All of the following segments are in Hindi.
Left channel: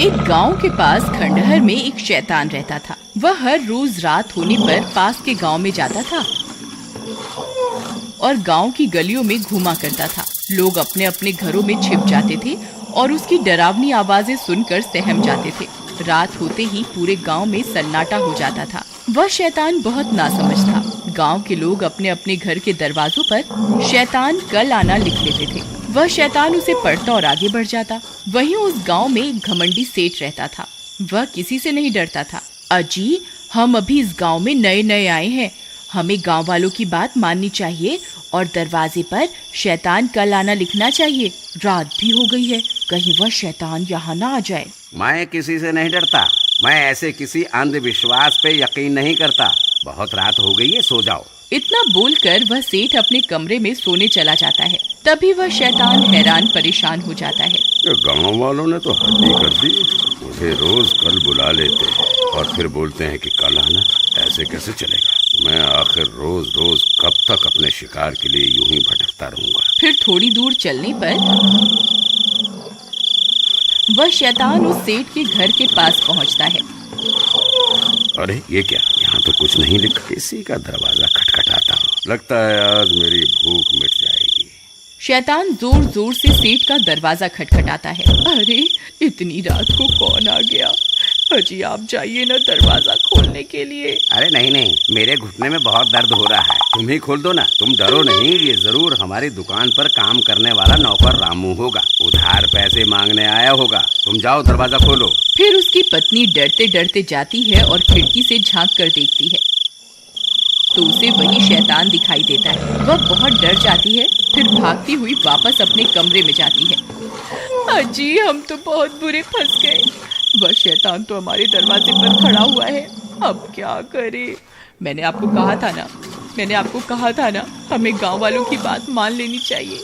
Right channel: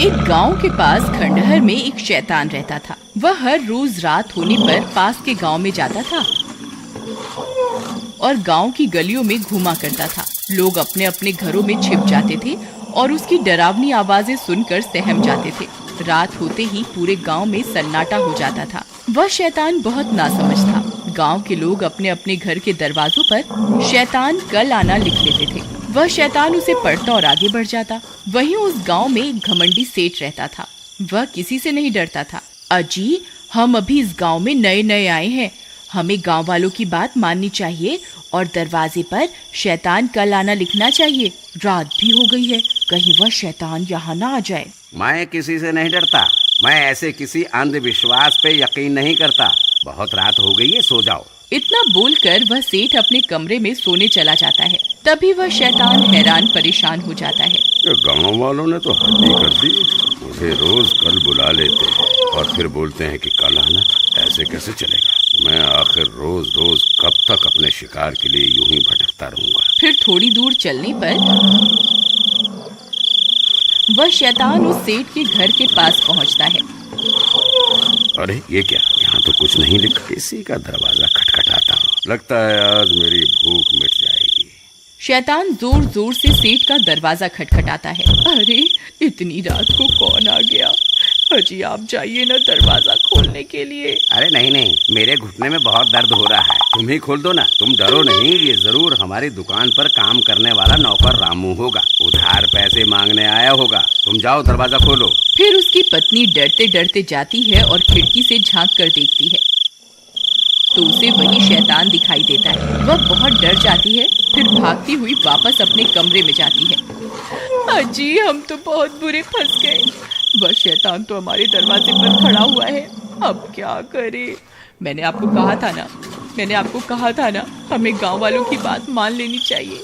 एक गांव के पास खंडहर में एक शैतान रहता था। वह हर रोज रात होने पर पास के गांव में जाता था और गांव की गलियों में घूमा करता था। लोग अपने अपने घरों में छिप जाते थे और उसकी डरावनी आवाजें सुनकर सहम जाते थे। रात होते ही पूरे गांव में सन्नाटा हो जाता था। वह शैतान बहुत नासमझ था। गांव के लोग अपने अपने घर के दरवाजों पर शैतान कल आना लिख लेते थे। वह शैतान उसे पढ़ता और आगे बढ़ जाता। वहीं उस गांव में एक घमंडी सेठ रहता था। वह किसी से नहीं डरता था। अजी, हम अभी इस गांव में नए नए आए हैं, हमें गांव वालों की बात माननी चाहिए और दरवाजे पर शैतान कल आना लिखना चाहिए। रात भी हो गई है, कहीं वह शैतान यहाँ ना आ जाए। मैं किसी से नहीं डरता। मैं ऐसे किसी अंधविश्वास पे यकीन नहीं करता। बहुत रात हो गई है, सो जाओ। इतना बोलकर वह सेठ अपने कमरे में सोने चला जाता है। तभी वह शैतान हैरान परेशान हो जाता है। गांव वालों ने तो हद ही कर दी। मुझे रोज कल बुला लेते हैं और फिर बोलते हैं कि कल आना। ऐसे कैसे चलेगा? मैं आखिर रोज रोज कब तक अपने शिकार के लिए यूं ही भटकता रहूंगा। फिर थोड़ी दूर चलने पर वह शैतान उस सेठ के घर के पास पहुंचता है। अरे ये क्या, यहाँ तो कुछ नहीं लिखा। किसी का दरवाजा खटखटाता हूँ। लगता है आज मेरी भूख मिट जाएगी। शैतान जोर जोर से सेठ का दरवाजा खटखटाता है। अरे, इतनी रात को कौन आ गया? अजी, आप जाइए ना दरवाजा खोलने के लिए। अरे नहीं, मेरे घुटने में बहुत दर्द हो रहा है। तुम ही खोल दो ना। तुम डरो नहीं, ये जरूर हमारी दुकान पर काम करने वाला नौकर रामू होगा। उधार पैसे मांगने आया होगा। तुम जाओ, दरवाजा खोलो। फिर उसकी पत्नी डरते डरते जाती है और खिड़की से झांक कर देखती है तो उसे वही शैतान दिखाई देता है। वह बहुत डर जाती है, फिर भागती हुई वापस अपने कमरे में जाती है। अजी, हम तो बहुत बुरे फंस गए। वह शैतान तो हमारे दरवाजे पर खड़ा हुआ है। अब क्या करें? मैंने आपको कहा था ना, हमें गांव वालों की बात मान लेनी चाहिए।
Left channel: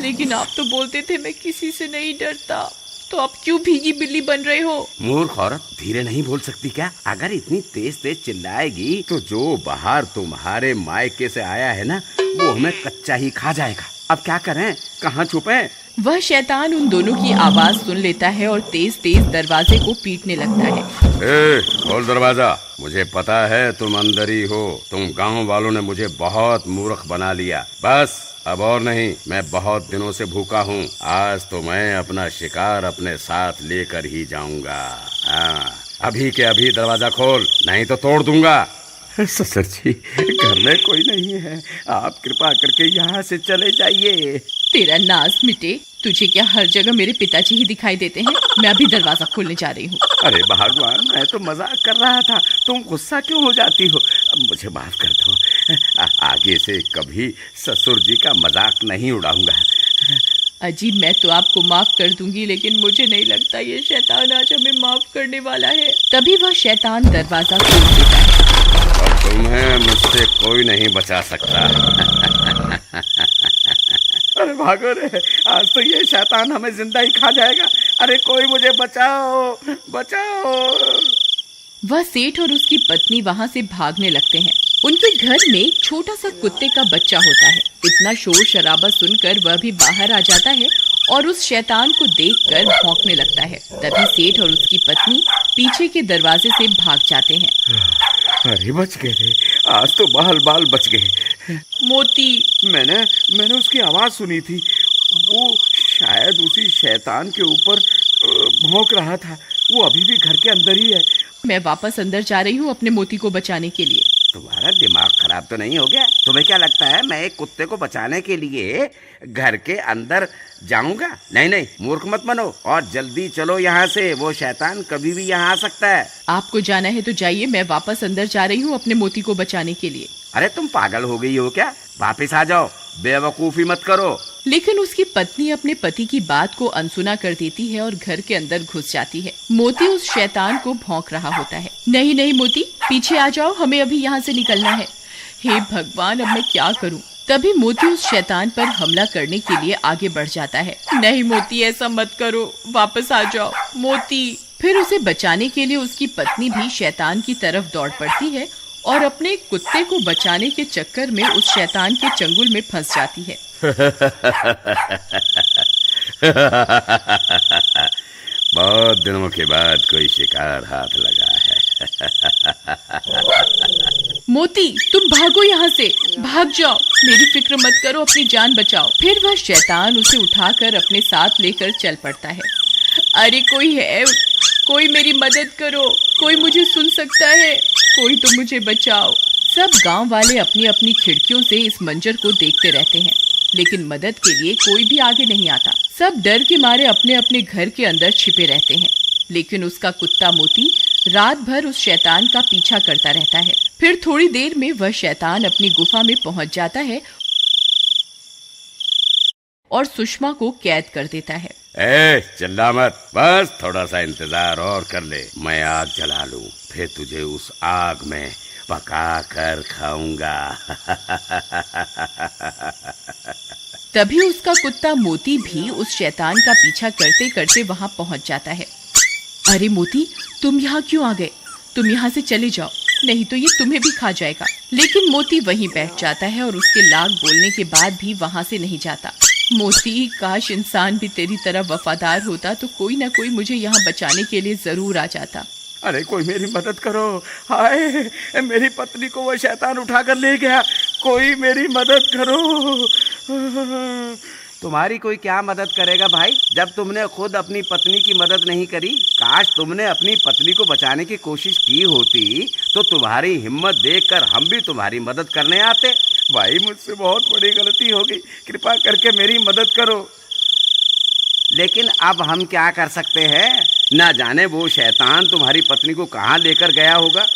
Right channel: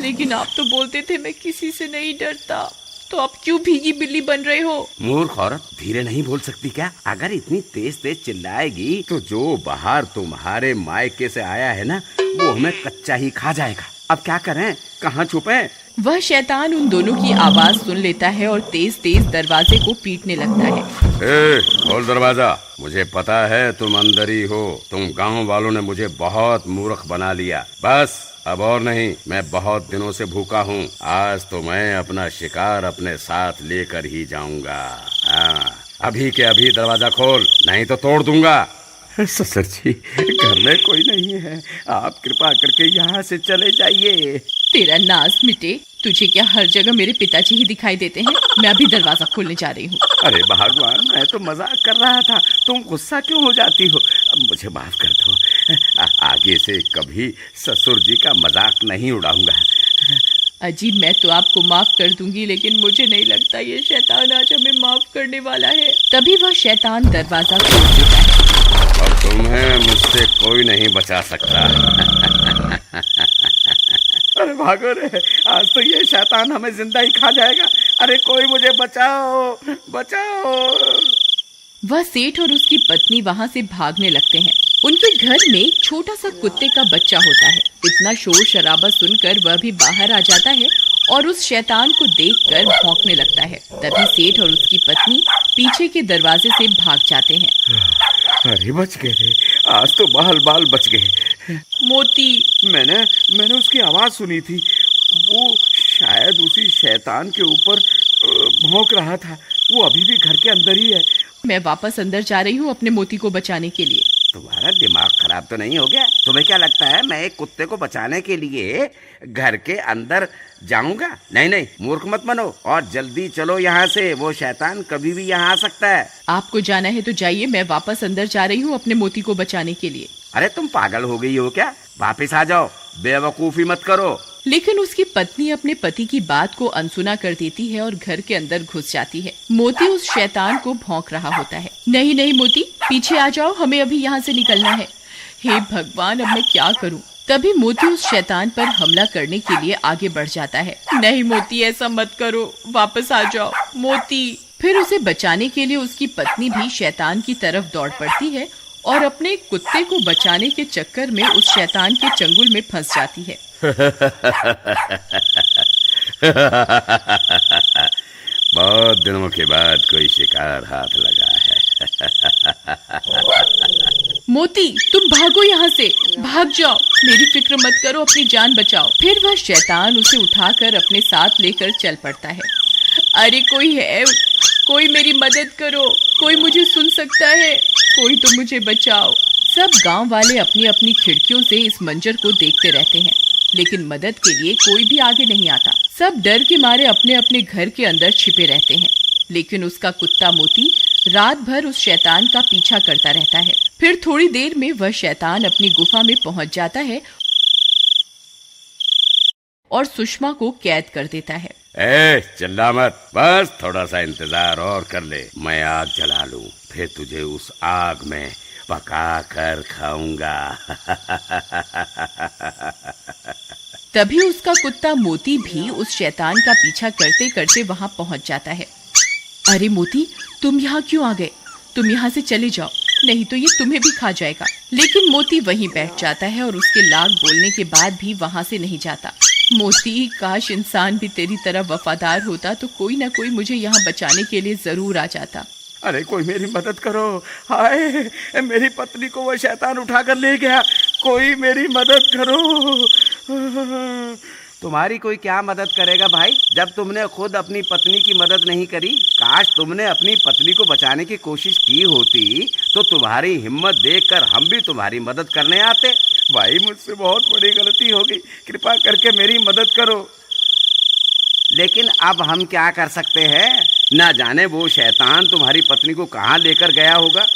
लेकिन आप तो बोलते थे मैं किसी से नहीं डरता। तो आप क्यों भीगी बिल्ली बन रहे हो? मूर्ख औरत, धीरे नहीं बोल सकती क्या? अगर इतनी तेज तेज चिल्लाएगी तो जो बाहर तुम्हारे मायके से आया है ना, वो हमें कच्चा ही खा जाएगा। अब क्या करें? कहाँ छुपें? वह शैतान उन दोनों की आवाज सुन लेता है और तेज तेज दरवाजे को पीटने लगता है। खोल दरवाजा। मुझे पता है तुम अंदर ही हो। तुम गांव वालों ने मुझे बहुत मूर्ख बना लिया। बस अब और नहीं। मैं बहुत दिनों से भूखा हूँ। आज तो मैं अपना शिकार अपने साथ लेकर ही जाऊंगा। हाँ, अभी के अभी दरवाजा खोल, नहीं तो तोड़ दूंगा। ससुर जी, घर में कोई नहीं है। आप कृपा करके यहाँ से चले जाइए। तेरा नाज मिटे। तुझे क्या हर जगह मेरे पिताजी ही दिखाई देते हैं? मैं अभी दरवाजा खोलने जा रही हूँ। अरे भगवान, मैं तो मजाक कर रहा था। तुम गुस्सा क्यों हो जाती हो? मुझे माफ कर दो। आगे से कभी ससुर जी का मजाक नहीं उड़ाऊंगा। अजी, मैं तो आपको माफ कर दूंगी, लेकिन मुझे नहीं लगता ये शैतान आज हमें माफ करने वाला है। तभी वह शैतान दरवाजा खोल देता है। अब तुम्हें मुझसे कोई नहीं बचा सकता। अरे भागो रे, आज तो ये शैतान हमें जिंदा ही खा जाएगा। अरे कोई मुझे बचाओ, बचाओ। वह सेठ और उसकी पत्नी वहाँ से भागने लगते हैं। उनके घर में छोटा सा कुत्ते का बच्चा होता है। इतना शोर शराबा सुनकर वह भी बाहर आ जाता है और उस शैतान को देखकर भौंकने लगता है। तभी सेठ और उसकी पत्नी पीछे के दरवाजे से भाग जाते हैं। अरे बच गए रे, आज तो बाल बाल बच गए। मोती, मैंने उसकी आवाज सुनी थी। वो शायद उसी शैतान के ऊपर भौंक रहा था। वो अभी भी घर के अंदर ही है। मैं वापस अंदर जा रही हूँ अपने मोती को बचाने के लिए। तुम्हारा दिमाग खराब तो नहीं हो गया? तुम्हें क्या लगता है मैं एक कुत्ते को बचाने के लिए घर के अंदर जाऊंगा? नहीं, मूर्ख मत बनो और जल्दी चलो यहाँ से। वो शैतान कभी भी यहाँ आ सकता है। आपको जाना है तो जाइए, मैं वापस अंदर जा रही हूँ अपने मोती को बचाने के लिए। अरे तुम पागल हो गई हो क्या? वापस आ जाओ, बेवकूफी मत करो। लेकिन उसकी पत्नी अपने पति की बात को अनसुना कर देती है और घर के अंदर घुस जाती है। मोती उस शैतान को भौंक रहा होता है। नहीं मोती, पीछे आ जाओ, हमें अभी यहाँ से निकलना है। हे भगवान, अब मैं क्या करूँ? तभी मोती उस शैतान पर हमला करने के लिए आगे बढ़ जाता है। नहीं मोती, ऐसा मत करो, वापस आ जाओ मोती। फिर उसे बचाने के लिए उसकी पत्नी भी शैतान की तरफ दौड़ पड़ती है और अपने कुत्ते को बचाने के चक्कर में उस शैतान के चंगुल में फंस जाती है। बहुत दिनों के बाद कोई शिकार हाथ लगा है। मोती, तुम भागो यहाँ से, भाग जाओ, मेरी फिक्र मत करो, अपनी जान बचाओ। फिर वह शैतान उसे उठाकर अपने साथ लेकर चल पड़ता है। अरे कोई है, कोई मेरी मदद करो, कोई मुझे सुन सकता है, कोई तो मुझे बचाओ। सब गांव वाले अपनी अपनी खिड़कियों से इस मंजर को देखते रहते हैं, लेकिन मदद के लिए कोई भी आगे नहीं आता। सब डर के मारे अपने अपने घर के अंदर छिपे रहते हैं। लेकिन उसका कुत्ता मोती रात भर उस शैतान का पीछा करता रहता है। फिर थोड़ी देर में वह शैतान अपनी गुफा में पहुंच जाता है और सुषमा को कैद कर देता है। चिल्ला मत, बस थोड़ा सा इंतजार और कर ले। मैं आग जला लूं, फिर तुझे उस आग में पका कर खाऊंगा। तभी उसका कुत्ता मोती भी उस शैतान का पीछा करते करते वहां पहुंच जाता है। अरे मोती, तुम यहाँ क्यों आ गए? तुम यहाँ से चले जाओ, नहीं तो ये तुम्हें भी खा जाएगा। लेकिन मोती वहीं बैठ जाता है और उसके लाख बोलने के बाद भी वहां से नहीं जाता। मोती, काश इंसान भी तेरी तरह वफादार होता तो कोई ना कोई मुझे यहाँ बचाने के लिए जरूर आ जाता। अरे कोई मेरी मदद करो, हाय मेरी पत्नी को वो शैतान उठा कर ले गया, कोई मेरी मदद करो। तुम्हारी कोई क्या मदद करेगा भाई, जब तुमने खुद अपनी पत्नी की मदद नहीं करी। काश तुमने अपनी पत्नी को बचाने की कोशिश की होती तो तुम्हारी हिम्मत देखकर हम भी तुम्हारी मदद करने आते। भाई मुझसे बहुत बड़ी गलती हो गई, कृपा करके मेरी मदद करो। लेकिन अब हम क्या कर सकते हैं, ना जाने वो शैतान तुम्हारी पत्नी को कहाँ लेकर गया होगा।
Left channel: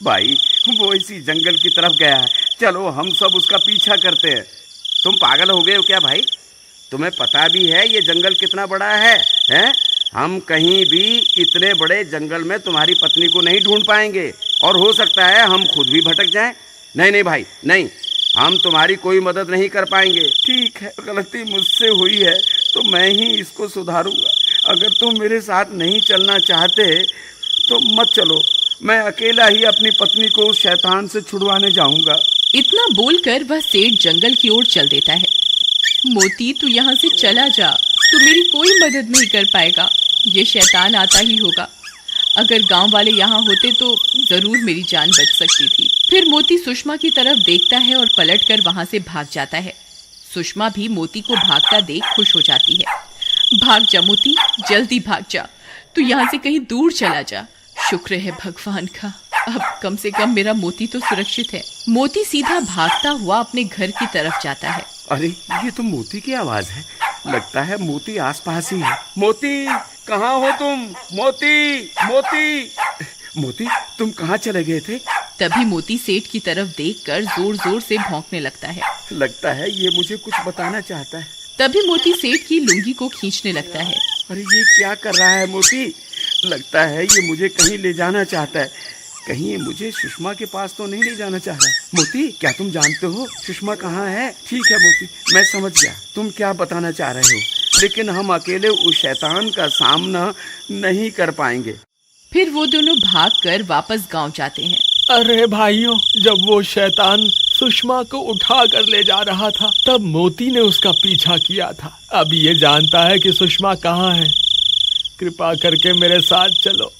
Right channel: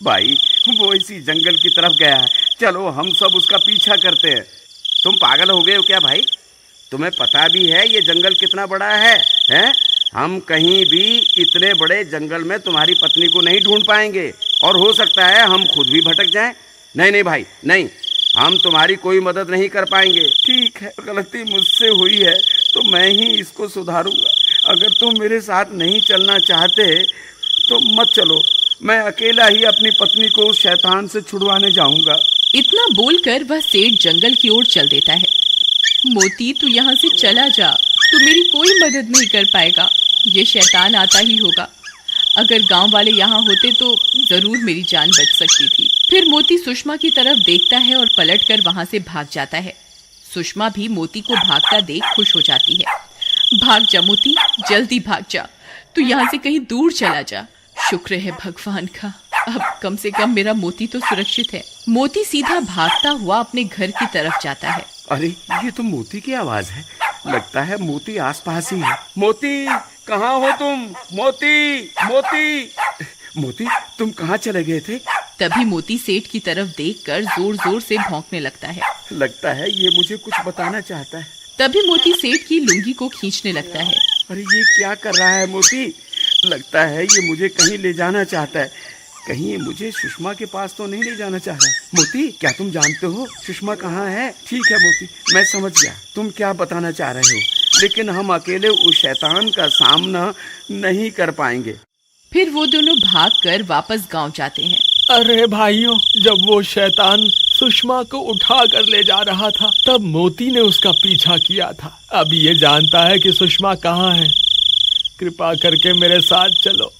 भाई वो इसी जंगल की तरफ गया है, चलो हम सब उसका पीछा करते हैं। तुम पागल हो गए हो क्या भाई? तुम्हें पता भी है ये जंगल कितना बड़ा है, हैं? हम कहीं भी इतने बड़े जंगल में तुम्हारी पत्नी को नहीं ढूंढ पाएंगे और हो सकता है हम खुद भी भटक जाएं। नहीं नहीं भाई नहीं, हम तुम्हारी कोई मदद नहीं कर पाएंगे। ठीक है, गलती मुझसे हुई है तो मैं ही इसको सुधारूंगा। अगर तुम मेरे साथ नहीं चलना चाहते तो मत चलो, मैं अकेला ही अपनी पत्नी को उस शैतान से छुड़वाने जाऊंगा। इतना बोलकर वह सेठ जंगल की ओर चल देता है। मोती, तू यहाँ से चला जा, तू मेरी कोई मदद नहीं कर पाएगा, ये शैतान आता ही होगा। अगर गांव वाले यहाँ होते तो जरूर मेरी जान बच सकती थी। फिर मोती सुषमा की तरफ देखता है और पलटकर वहां से भाग जाता है। सुषमा भी मोती को भागता देख खुश हो जाती है। भाग जा मोती, जल्दी भाग जा, तू यहाँ से कहीं दूर चला जा। शुक्र है भगवान का, अब कम से कम मेरा मोती तो सुरक्षित है। मोती सीधा भागता हुआ अपने घर की तरफ जाता है। अरे ये तो मोती की आवाज है, लगता है मोती आसपास ही है। मोती, कहाँ हो तुम? मोती, मोती, मोती, तुम कहाँ चले गए थे? तभी मोती सेठ की तरफ देखकर जोर जोर से भौंकने लगता है। लगता है ये मुझे कुछ बताना चाहता है। तभी मोती सेठ की लुंगी को खींचने लगता है। अरे ये क्या कर रहा है मोती? लगता है ये मुझे कहीं ले जाना चाहता है। कहीं ये मुझे सुषमा के पास तो नहीं ले जाना चाह रहा। मोती, क्या तुम जानते हो सुषमा कहाँ है? ठीक है मोती, मैं समझ गया तुम क्या बताना चाह रहे हो, लेकिन हम अकेले उस शैतान का सामना नहीं कर पाएंगे। फिर वो दोनों भागकर वापस गांव जाते हैं। अरे भाइयों, जब वो शैतान सुषमा को उठा कर ले जा रहा था तब मोती ने उसका पीछा किया था। अब ये जानता है कि सुषमा कहाँ है। कृपा करके मेरे साथ चलो,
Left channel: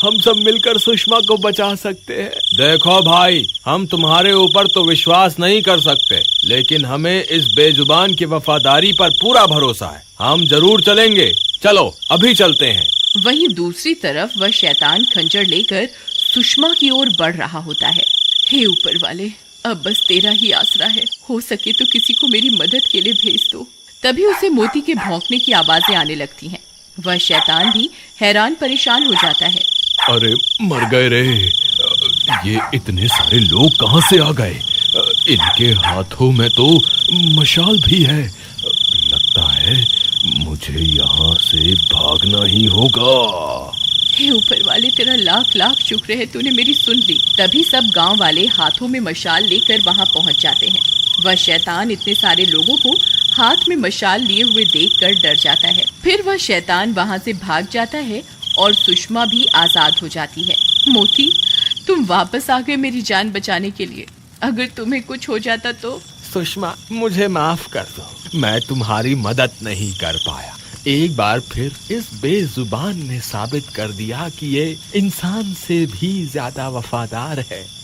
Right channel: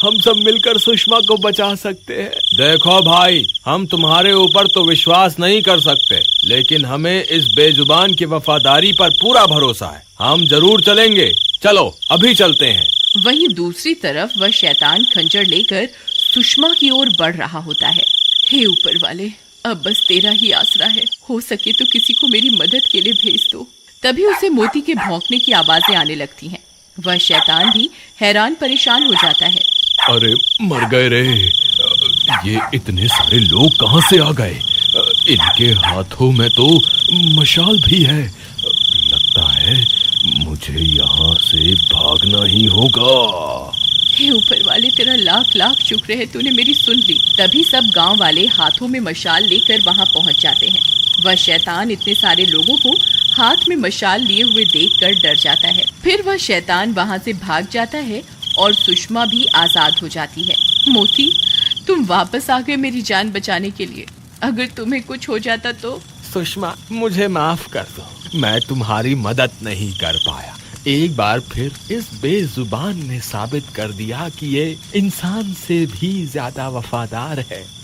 हम सब मिलकर सुषमा को बचा सकते हैं। देखो भाई, हम तुम्हारे ऊपर तो विश्वास नहीं कर सकते, लेकिन हमें इस बेजुबान की वफादारी पर पूरा भरोसा है। हम जरूर चलेंगे, चलो अभी चलते हैं। वहीं दूसरी तरफ वह शैतान खंजर लेकर सुषमा की ओर बढ़ रहा होता है। हे ऊपर वाले, अब बस तेरा ही आसरा है, हो सके तो किसी को मेरी मदद के लिए भेज दो। तभी उसे मोती के भौंकने की आवाजें आने लगती हैं। वह शैतान भी हैरान परेशान हो जाता है। अरे मर गए रे, ये इतने सारे लोग कहाँ से आ गए? इनके हाथों में तो मशाल भी है। लगता है मुझे यहाँ से भागना ही होगा। हे ऊपर वाले, तेरा लाख लाख शुक्र है, तूने मेरी सुन ली। तभी सब गांव वाले हाथों में मशाल लेकर वहां पहुंच जाते हैं। वह शैतान इतने सारे लोगों को हाथ में मशाल लिए हुए देखकर डर जाता है। फिर वह शैतान वहां से भाग जाता है और सुषमा भी आजाद हो जाती है। मोती, तुम वापस आ गए मेरी जान बचाने के लिए। अगर तुम्हें कुछ हो जाता तो? सुषमा, मुझे माफ कर दो, मैं तुम्हारी मदद नहीं कर पाया, एक बार फिर इस बेजुबान ने साबित कर दिया कि ये इंसान से भी ज्यादा वफादार है।